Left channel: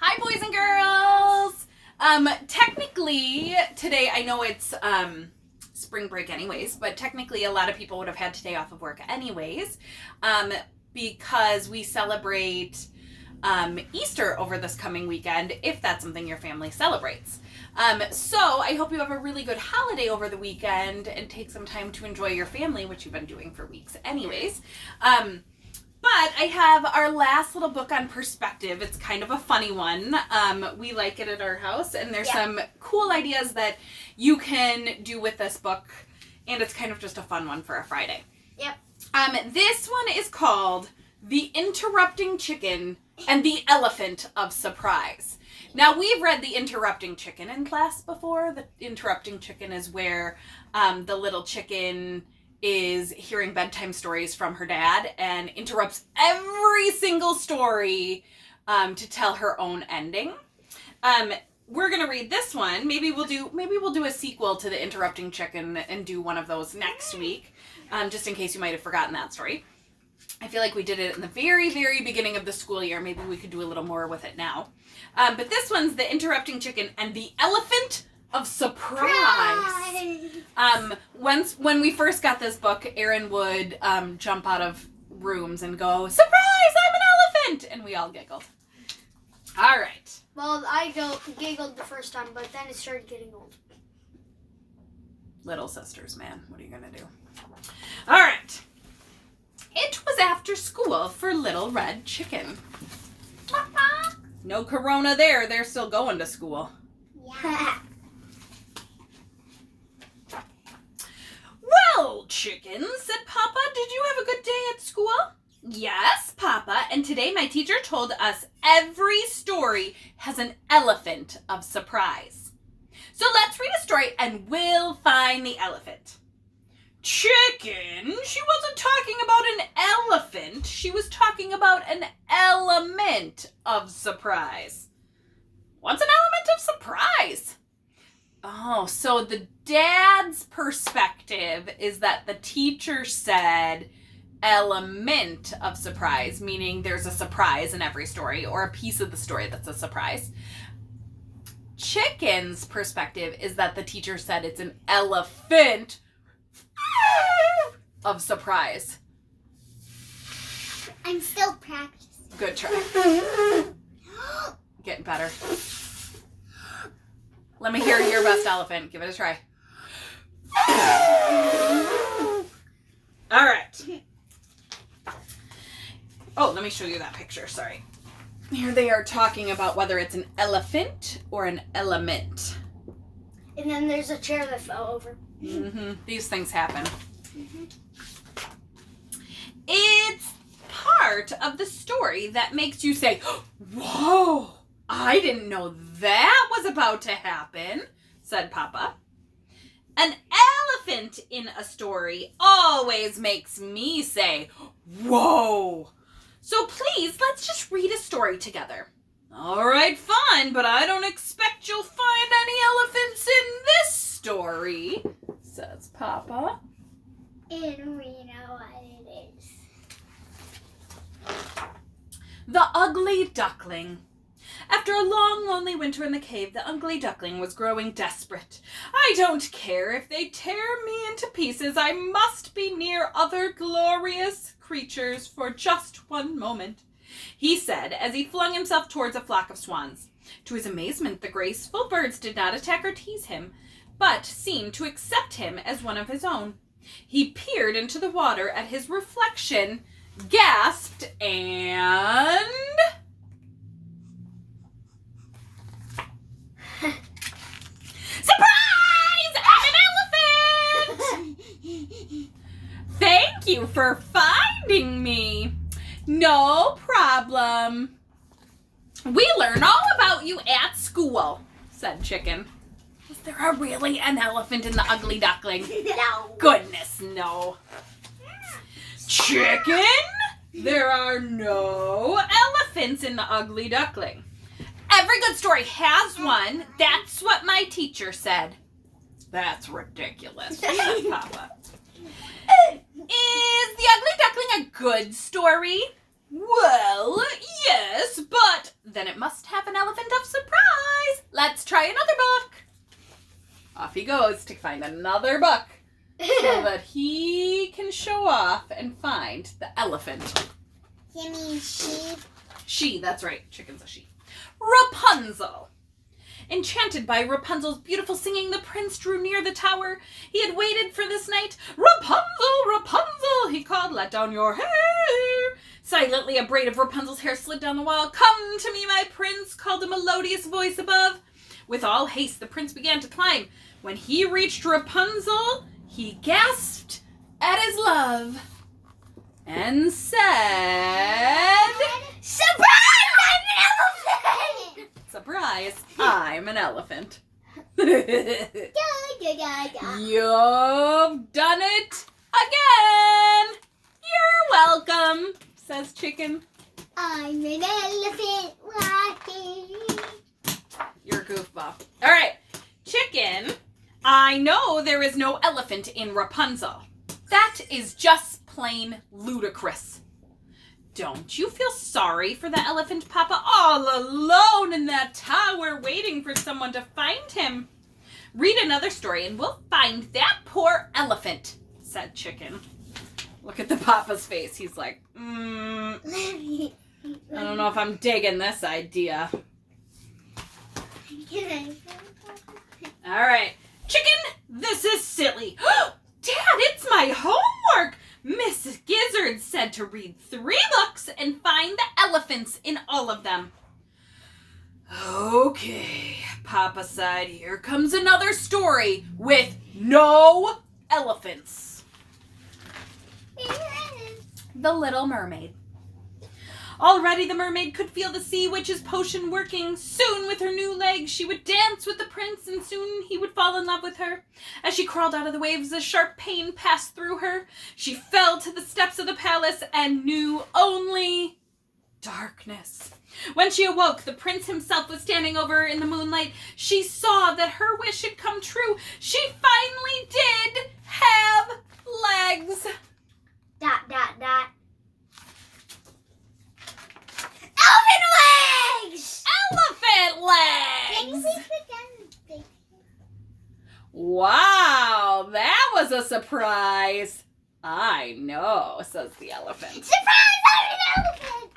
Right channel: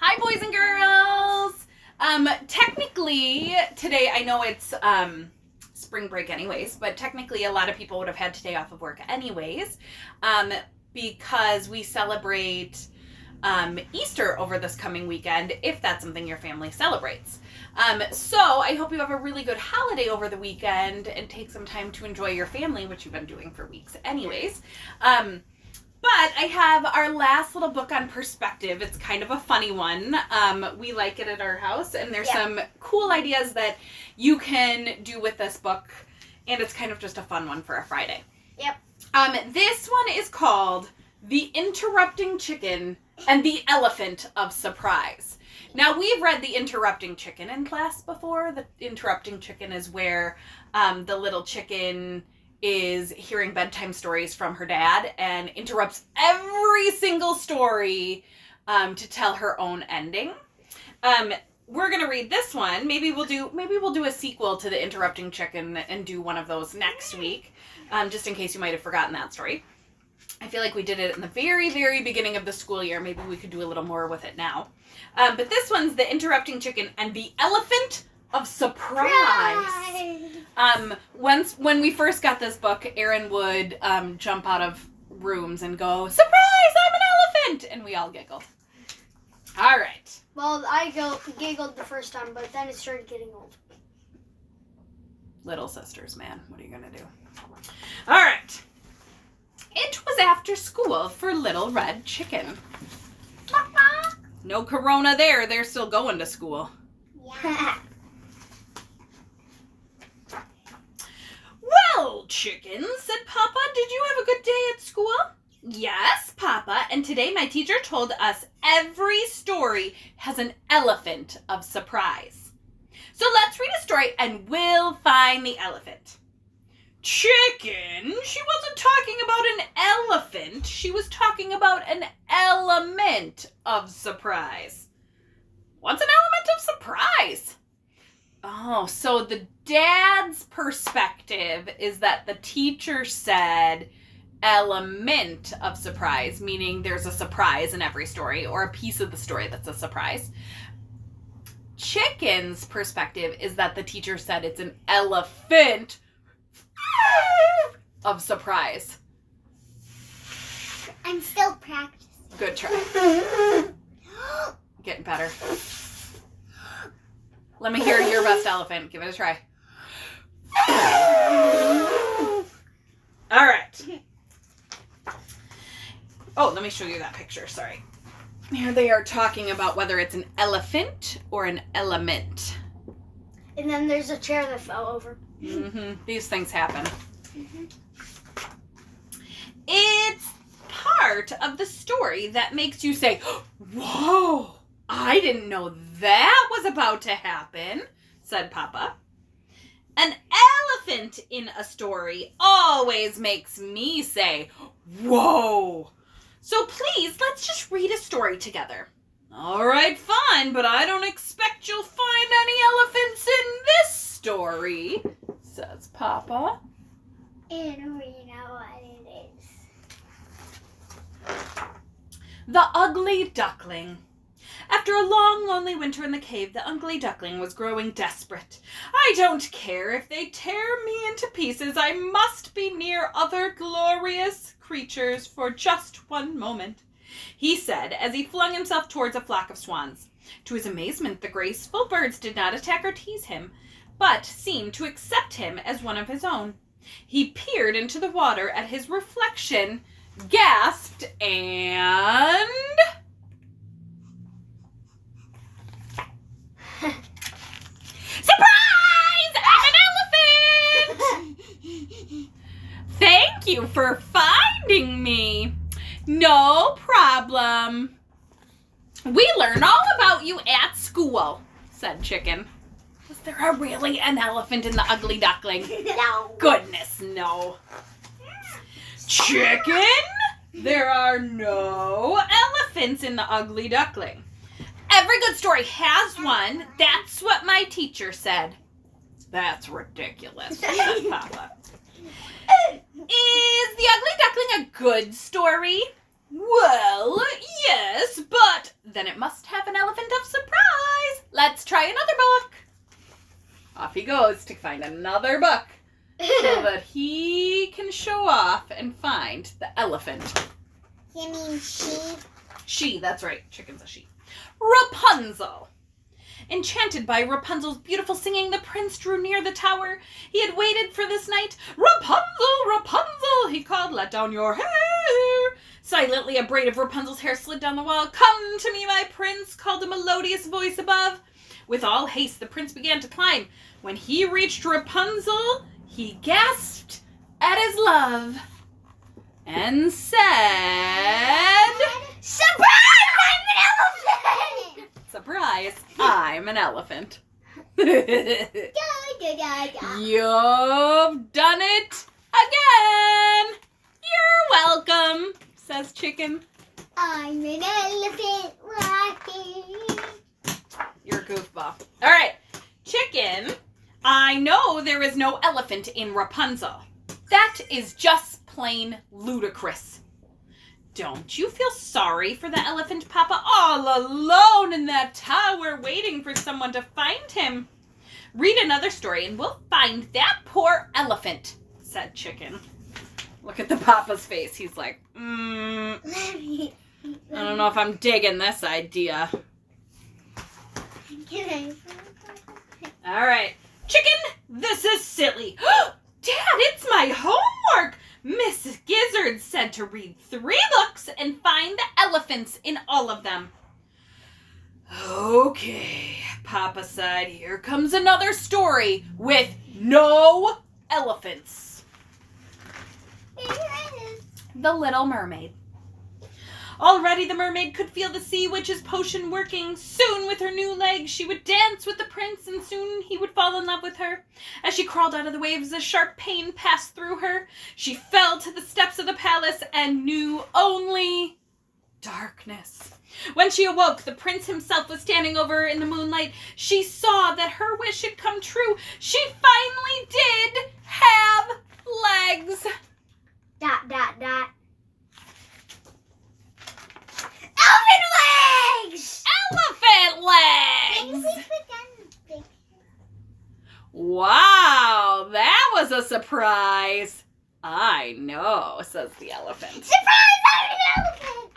Hi, boys and girls. Technically, today, I know it's spring break anyways, but technically a lot of people would have had today off of work anyways, because we celebrate Easter over this coming weekend, if that's something your family celebrates. So I hope you have a really good holiday over the weekend and take some time to enjoy your family, which you've been doing for weeks anyways. But I have our last little book on perspective. It's kind of a funny one. We like it at our house, and there's some cool ideas that you can do with this book, and it's kind of just a fun one for a Friday. Yep. This one is called The Interrupting Chicken and the Elephant of Surprise. Now, we've read The Interrupting Chicken in class before. The Interrupting Chicken is where the little chicken is hearing bedtime stories from her dad and interrupts every single story to tell her own ending. We're gonna read this one. Maybe we'll do a sequel to The Interrupting Chicken and do one of those next week, just in case you might have forgotten that story. I feel like we did it in the very, very beginning of the school year. Maybe we could do a little more with it now. But this one's The Interrupting Chicken and the Elephant of Surprise. When we first got this book, Aaron would jump out of rooms and go, "Surprise, I'm an elephant!" And we all giggled. All right. Well, I giggled the first time, but then it started getting old. Little sisters, man. What are you going to do? All right. It was after school for Little Red Chicken. No corona there. They're still going to school. Yeah. "Well, Chicken," said Papa, "did you have a good day at school?" "Yes, Papa, and today my teacher told us every story has an elephant of surprise. So let's read a story and we'll find the elephant." "Chicken, she wasn't talking about an elephant. She was talking about an element of surprise." "What's an element of surprise?" Oh, so the dad's perspective is that the teacher said element of surprise, meaning there's a surprise in every story or a piece of the story that's a surprise. Chicken's perspective is that the teacher said it's an elephant of surprise. I'm still practicing. Good try. Getting better. Let me hear your best elephant. Give it a try. All right. Oh, let me show you that picture. Sorry. Here they are talking about whether it's an elephant or an element. And then there's a chair that fell over. These things happen. It's part of the story that makes you say, "Whoa, I didn't know that was about to happen," said Papa. "An elephant in a story always makes me say, 'Whoa.' So please, let's just read a story together." "All right, fine, but I don't expect you'll find any elephants in this story," says Papa. And we know what it is. The Ugly Duckling. After a long, lonely winter in the cave, the ugly duckling was growing desperate. "I don't care if they tear me into pieces. I must be near other glorious creatures for just one moment," he said as he flung himself towards a flock of swans. To his amazement, the graceful birds did not attack or tease him, but seemed to accept him as one of his own. He peered into the water at his reflection, gasped, and... "Surprise! I'm an elephant!" "Thank you for finding me." "No problem. We learn all about you at school," said Chicken. Was there really an elephant in the Ugly Duckling? No. Goodness, no. "Chicken, there are no elephants in the Ugly Duckling." "Every good story has one. That's what my teacher said." "That's ridiculous," said Papa. "Is the Ugly Duckling a good story?" "Well, yes, but Then it must have an elephant of surprise. Let's try another book. Off he goes to find another book so that he can show off and find the elephant. You mean she? She, that's right. Chicken's a she. Rapunzel. Enchanted by Rapunzel's beautiful singing, the prince drew near the tower. He had waited for this night. Rapunzel, Rapunzel, he called, let down your hair. Silently, a braid of Rapunzel's hair slid down the wall. Come to me, my prince, called a melodious voice above. With all haste, the prince began to climb. When he reached Rapunzel, he gasped at his love and said, Surprise! I'm an elephant! surprise, I'm an elephant. Da, da, da, da. You've done it again. You're welcome, says Chicken. I'm an elephant walking. You're a goofball. All right, Chicken, I know there is no elephant in Rapunzel. That is just plain ludicrous. Don't you feel sorry for the elephant, Papa, all alone in that tower waiting for someone to find him? Read another story and we'll find that poor elephant, said Chicken. Look at the Papa's face. He's like, I don't know if I'm digging this idea. All right. Chicken, this is silly. Dad, it's my homework. Mrs. Gizzard said to read 3 books and find the elephants in all of them. Okay, Papa sighed. Here comes another story with no elephants. The Little Mermaid. Already the mermaid could feel the sea witch's potion working. Soon with her new legs she would dance with the prince and soon he would fall in love with her. As she crawled out of the waves, a sharp pain passed through her. She fell to the steps of the palace and knew only darkness. When she awoke, the prince himself was standing over her in the moonlight. She saw that her wish had come true. She finally did have legs. ... Elephant legs! Elephant legs! Wow, that was a surprise. I know, says the elephant. Surprise! I'm an elephant!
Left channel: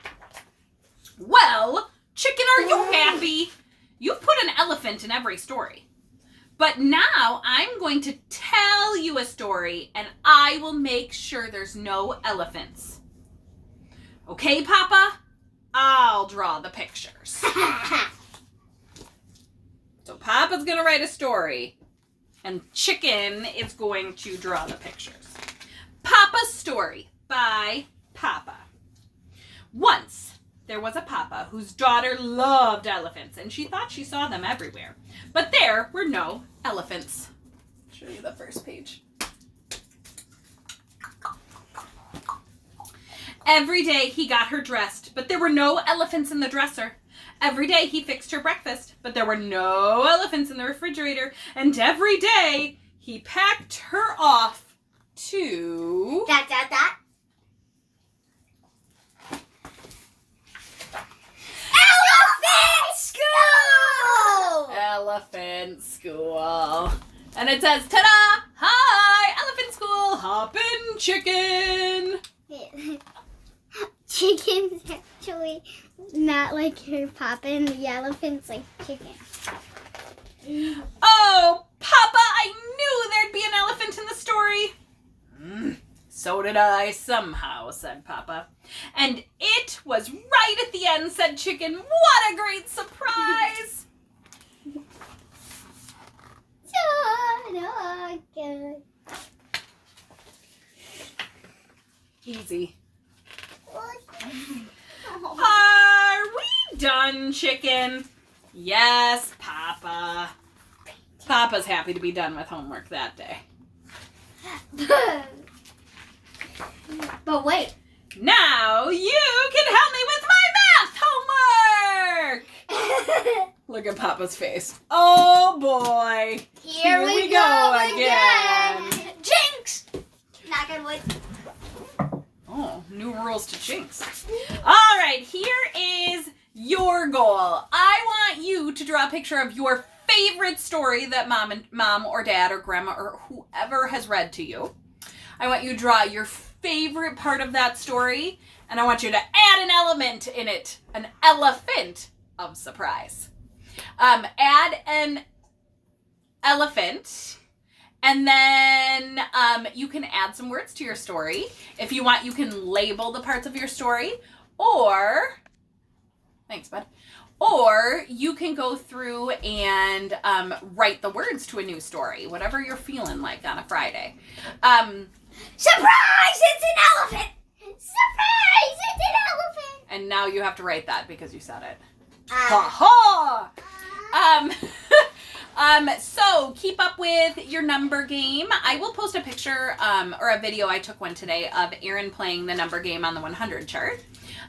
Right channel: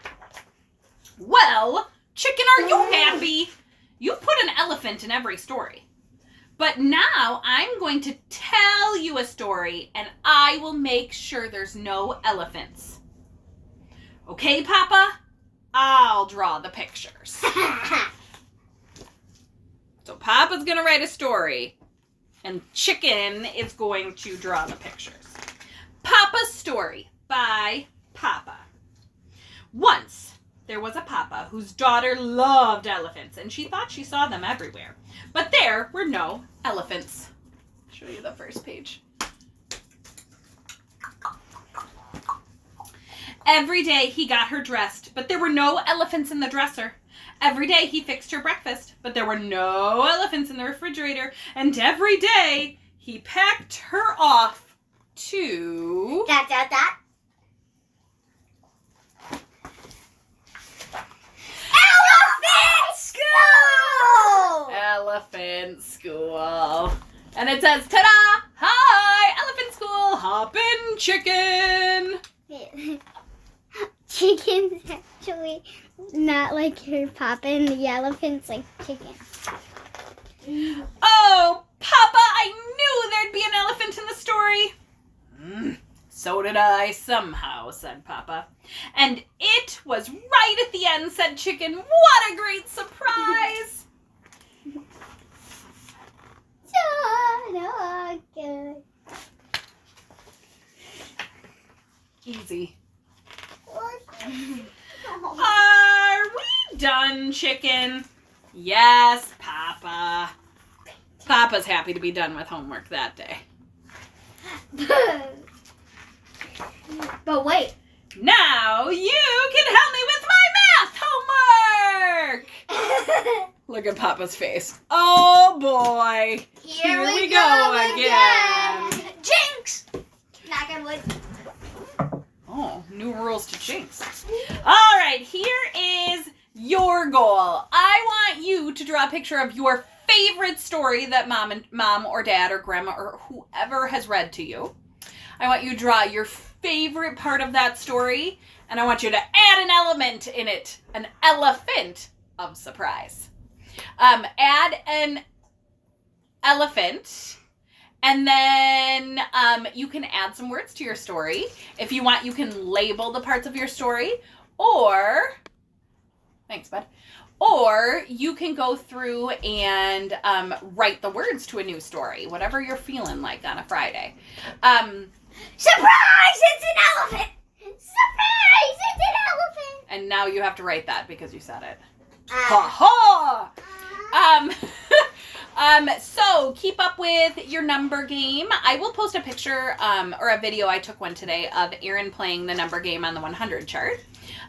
Well, Chicken, are you happy? You put an elephant in every story. But now I'm going to tell you a story and I will make sure there's no elephants. Okay, Papa? I'll draw the pictures. So Papa's going to write a story and Chicken is going to draw the pictures. Papa's story by Papa. Once there was a Papa whose daughter loved elephants and she thought she saw them everywhere. But there were no elephants. I'll show you the first page. Every day he got her dressed, but there were no elephants in the dresser. Every day he fixed her breakfast, but there were no elephants in the refrigerator. And every day he packed her off to... Elephant school! Elephant school. And it says, ta-da! Hi, elephant school, hoppin' chicken. Chicken's actually not like your Papa and the elephant's like chicken. Oh, Papa, I knew there'd be an elephant in the story. So did I somehow, said Papa. And it was right at the end, said Chicken. What a great surprise. Easy. Are we done, Chicken? Yes, Papa. Papa's happy to be done with homework that day. But wait. Now you can help me with my math homework! Look at Papa's face. Oh boy. Here we go again. Jinx! Knock on wood. Oh, new rules to Jinx. All right, here is your goal. I want you to draw a picture of your favorite story that mom or dad or grandma or whoever has read to you. I want you to draw your favorite part of that story, and I want you to add an element in it, an elephant of surprise. Add an elephant, and then you can add some words to your story. If you want, you can label the parts of your story, or, thanks, bud, or you can go through and write the words to a new story, whatever you're feeling like on a Friday. Surprise! It's an elephant! Surprise! It's an elephant! And now you have to write that because you said it. Uh, So keep up with your number game. I will post a picture or a video. I took one today of Aaron playing the number game on the 100 chart.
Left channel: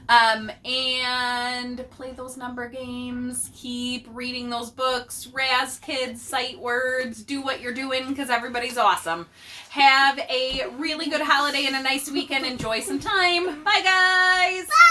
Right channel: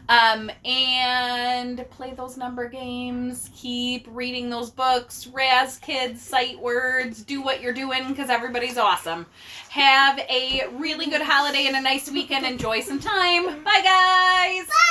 And play those number games. Keep reading those books. Raz kids, sight words. Do what you're doing because everybody's awesome. Have a really good holiday and a nice weekend. Enjoy some time. Bye, guys. Bye!